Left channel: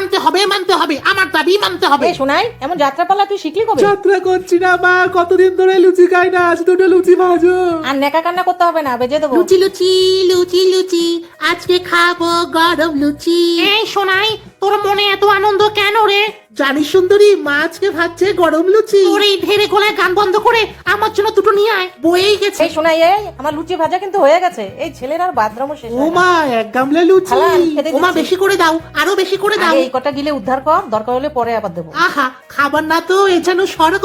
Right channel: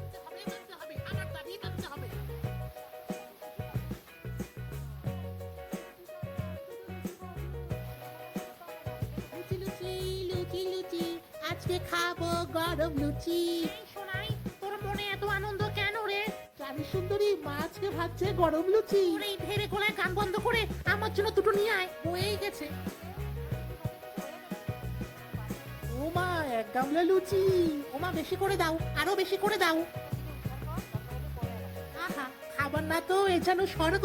মানতে হবে, আমার দাবি মানতে হবে। শোনাই, এমন যাত্রাপালা তুই শিখলি কবে? যাত্রা করছি না মা, কতদিন ধরে লুচি খাই না, আজ দুটো লুচি ভাজো। আর নেকা কান্না করতে হবে না, বেজে দেবো। লুচি লুচি লুচি লুচি, আজকে খাবো গরম লুচি। এই শোনাই, তোর মনে এত আনন্দ কেন রে? জানিস সুন্দরী, মা আজকে ভাজছে গরম লুচি। তোর এই ঢেরে গলায় গান বন্ধ করে আমার জন্য দুটো নিয়ে আয়, বয়েই গেছে। এই শোনাই, আমার লুচি ভাজা কিন্তু হয়ে গেছে। এই ছেলের আর বাথরুমও শেষ ও হয় না। মা, এক গামলা লুচি। খালা, আমি খেতে ও মা, দিচ্ছি। বেশি করে দাও, আরো বেশি করে দাও। আগে এই কটা গিলে উদ্ধার কর, দরকার হলে পরে আবার দেবো। আহা, খাবার না তো, এ যেন স্বর্গ।